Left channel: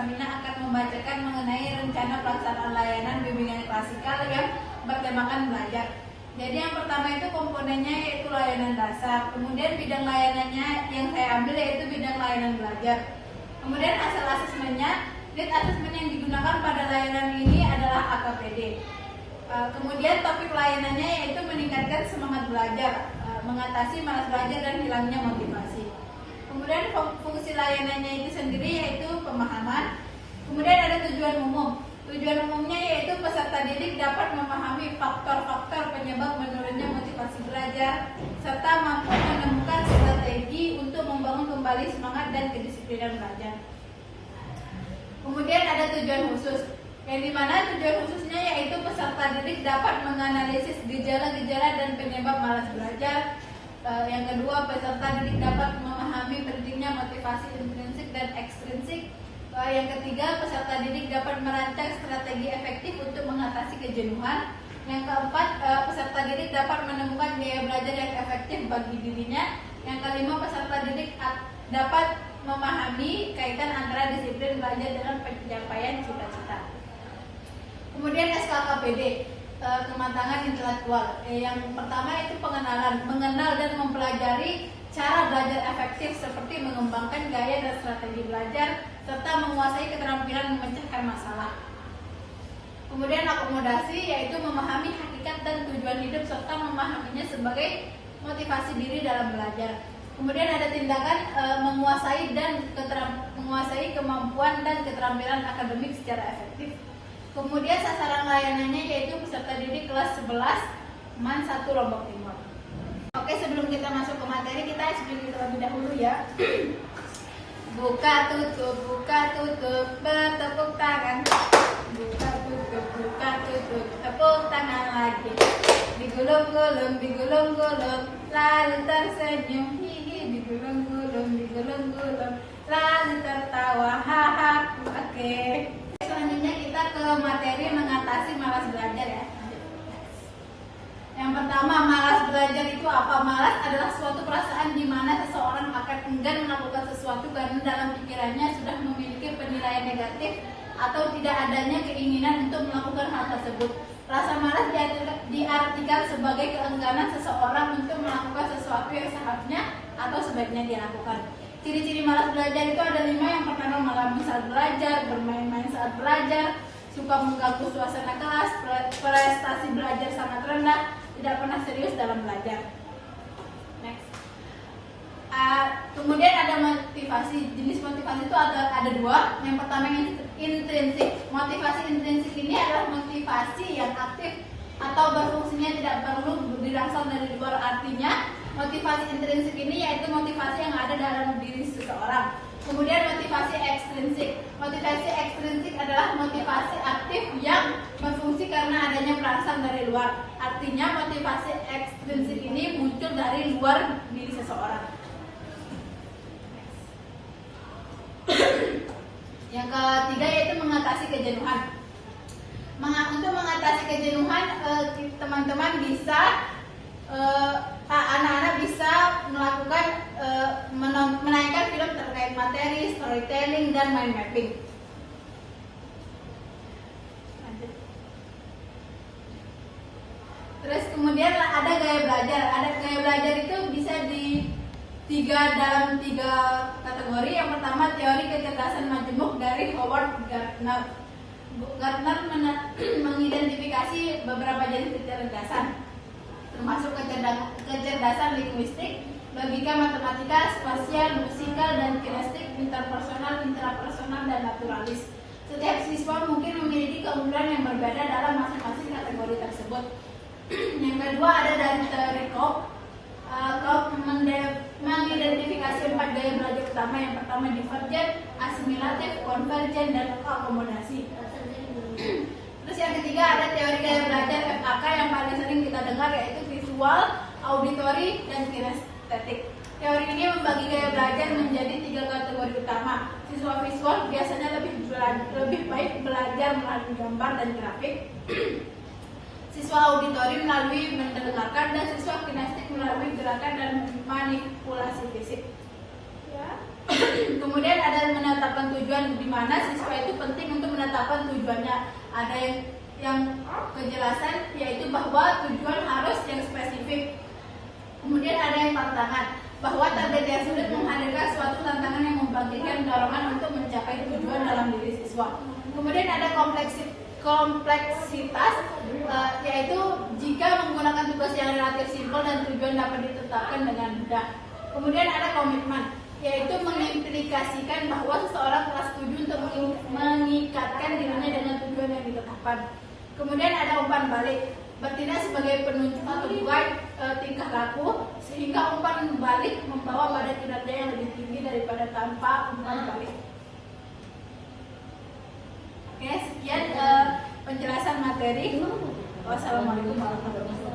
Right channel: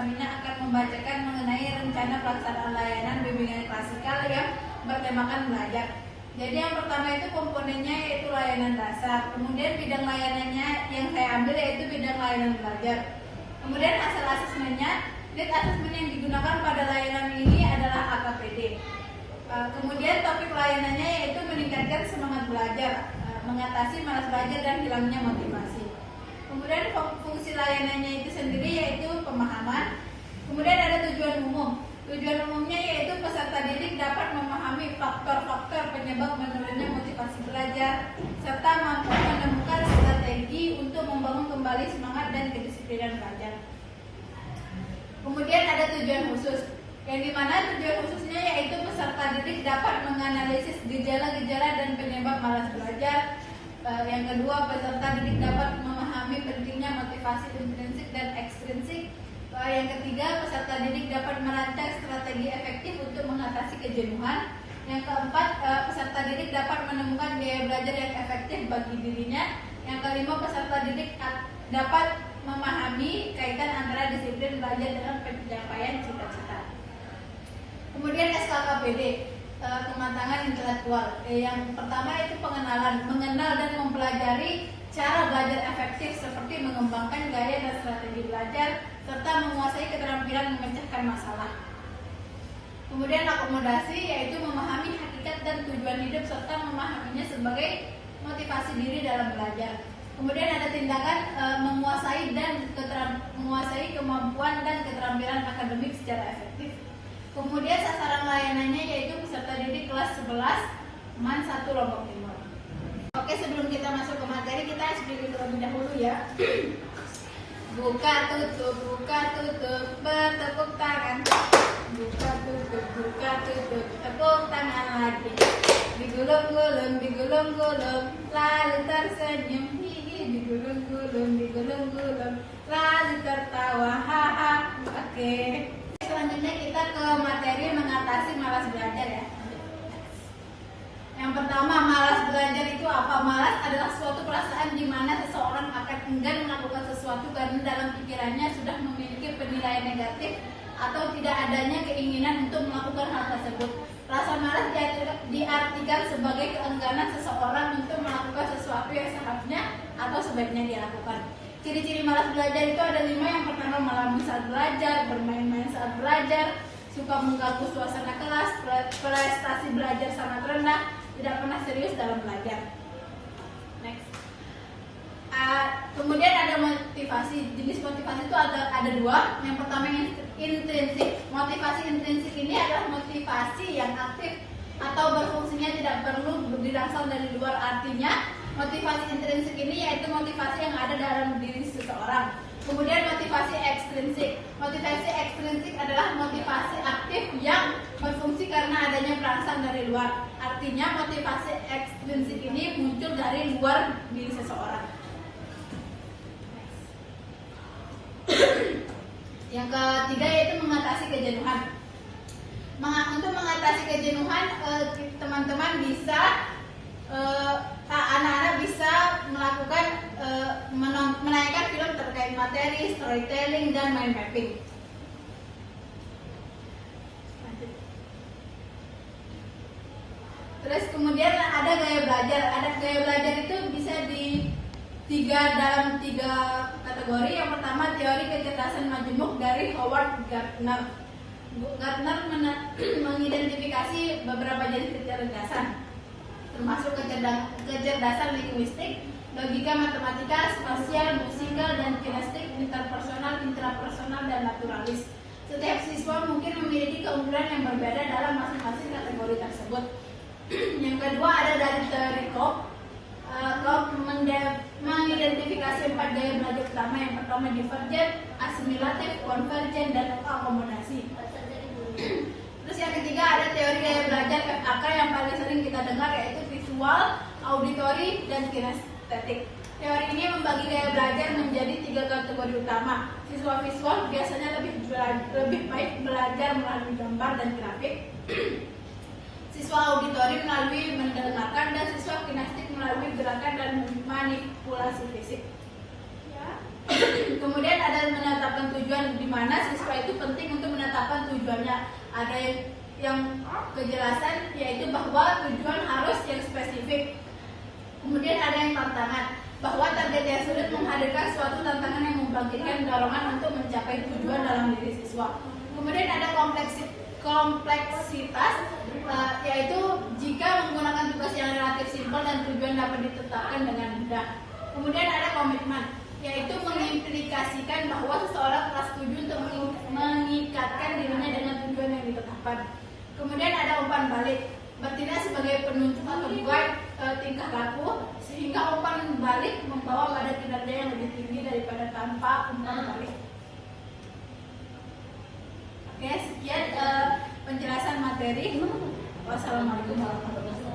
selanjutnya akan membacakan mengenai rencana pelaksanaan layanan bimbingan klasikal yang bertemakan belajar. Jadi yang pertama itu komponennya yaitu layanan dasar. Kemudian bidang layanannya yang saya ambil yaitu bidang layanan belajar. Kemudian hasil asesmennya, lead asesmen yang digunakan pada layanan ini adalah AKPD. Kemudian topik layanannya yaitu meningkatkan semangat belajar, mengatasi malas belajar dan hilangnya motivasi. Kemudian fungsi layanannya itu sendiri yaitu pemahaman. Kemudian ada tujuan umum. Tujuan umumnya yaitu peserta didik dapat memahami faktor-faktor penyebab menurunnya motivasi belajar serta mampu menemukan strategi untuk membangun kembali semangat dan kedisiplinan belajar. Kemudian ada tujuan khusus, yang dimana tujuan khususnya yaitu peserta didik dapat menganalisis gejala-gejala dan penyebab malas belajar. Yang kedua, peserta didik dapat memahami pentingnya motivasi intrinsik dan ekstrinsik. Yang ketiga, peserta didik dapat merancang strategi efektif untuk mengatasi kejenuhan. Yang keempat, peserta didik dapat menemukan gaya belajar yang efektif bagi dirinya. Yang kelima, peserta didik dapat memahami kaitan antara disiplin belajar dengan pencapaian cita-cita. Kemudian SKKPD, kematangan intelektual. Yang pertama itu pengenalan, mengenal dan mempelajari cara belajar efektif seperti mengembangkan gaya dan strategi belajar serta menguasai keterampilan memecahkan masalah. Kemudian akomodasi yaitu memahami hakikat dan tujuan hidup serta memahaminya sebagai motivasi diri dalam belajar. Kemudian ada tindakan menguasai kemampuan dan keterampilan akademik secara efektif. Kemudian sasaran layanannya yaitu peserta didik kelas 11 MAN 1 Lombok Timur. Oke, sebelum kita masuk ke materi kita pilih terlebih dahulu ya. Buka tutup, bertepuk tangan. Buka tutup, tepuk tangan lagi. Digulung-gulung, lalu tersenyum. Hihi, digulung-gulung, lalu tertawa. Haha. Oke. Selanjutnya kita ke materi mengatasi malas belajar ya. Yang pertama, malas belajar itu apa? Malas adalah suatu perasaan di mana seseorang akan enggan melakukan sesuatu karena dalam pikirannya sudah memiliki penilaian negatif atau tidak adanya keinginan untuk melakukan hal tersebut. Rasa malas diartikan sebagai keengganan seseorang untuk melakukan sesuatu yang seharusnya atau sebaiknya dilakukan. Ciri-ciri malas belajar itu ada 5. Yang pertama, malam saat belajar, bermain-main saat belajar, suka mengganggu suasana kelas, prestasi belajar sangat rendah, tidak pernah serius dalam belajar. Next. Kemudian ada motivasi. Jenis motivasi itu ada 2. Yang pertama intrinsik. Motivasi intrinsik ini adalah motivasi yang aktif atau berfungsinya tidak perlu berasal dari luar. Artinya motivasi intrinsik ini yaitu motivasi yang ada dalam diri seseorang. Kemudian motivasi ekstrinsik. Motivasi ekstrinsik adalah motivasi aktif yang berfungsi karena adanya perangsang dari luar. Artinya motivasi ekstrinsik ini muncul dari luar diri seseorang. Yang ketiga yaitu mengatasi kejenuhan. Untuk mengatasi kejenuhan, teman-teman bisa anak-anak bisa melakukan menayangkan film terkait materi, storytelling, dan mind mapping. Terus kemudian ada gaya belajar. Gaya belajar itu bisa dalam tiga kategori. Yang pertama, teori kecerdasan majemuk dari Howard Gardner. Gardner mengidentifikasi beberapa jenis kecerdasan, termasuk kecerdasan linguistik, logika matematika, spasial, musikal, dan kinestik, interpersonal, intrapersonal, dan naturalis. Setiap siswa mungkin memiliki keunggulan yang berbeda dalam masing-masing kategori tersebut. Yang kedua ada dari teori Cobb. Cobb mengidentifikasi 4 gaya belajar utama. Yang pertama divergen, asimilatif, konvergen, dan akomodasi. Terus yang ketiga ada teori gaya belajar FAK yang paling sering kita dengar yaitu visual, auditory, dan kinestetik. Teori ini membagi gaya belajar menjadi 3 kategori utama. Siswa visual biasanya lebih baik belajar melalui gambar dan grafik. Siswa auditori melalui mendengarkan, dan siswa kinestik melalui gerakan dan manipulasi fisik. Kemudian ada menetapkan menetapkan tujuan, di mana siswa itu penting untuk menetapkan tujuannya. Ada yang kejelasan, yaitu bahwa tujuan harus yang spesifik. Kemudian ada yang tantangan, bahwa target yang sulit menghadirkan suatu tantangan yang membangkitkan dorongan untuk mencapai tujuan dalam diri siswa. Kemudian ada kompleksitas, yaitu jika menggunakan tugas yang relatif simpel dan tujuan dapat ditetapkan dengan mudah. Kemudian ada komitmen, yaitu mengimplikasikan bahwa seseorang telah setuju untuk mengikatkan dirinya dengan tujuan yang ditetapkan. Kemudian ada umpan balik, bertindak sebagai penunjuk atau guide tingkah laku, sehingga umpan balik membawa pada kinerja yang lebih tinggi daripada tanpa umpan balik. Oke, sekian penjelasan materi. Wassalamualaikum warahmatullahi wabarakatuh.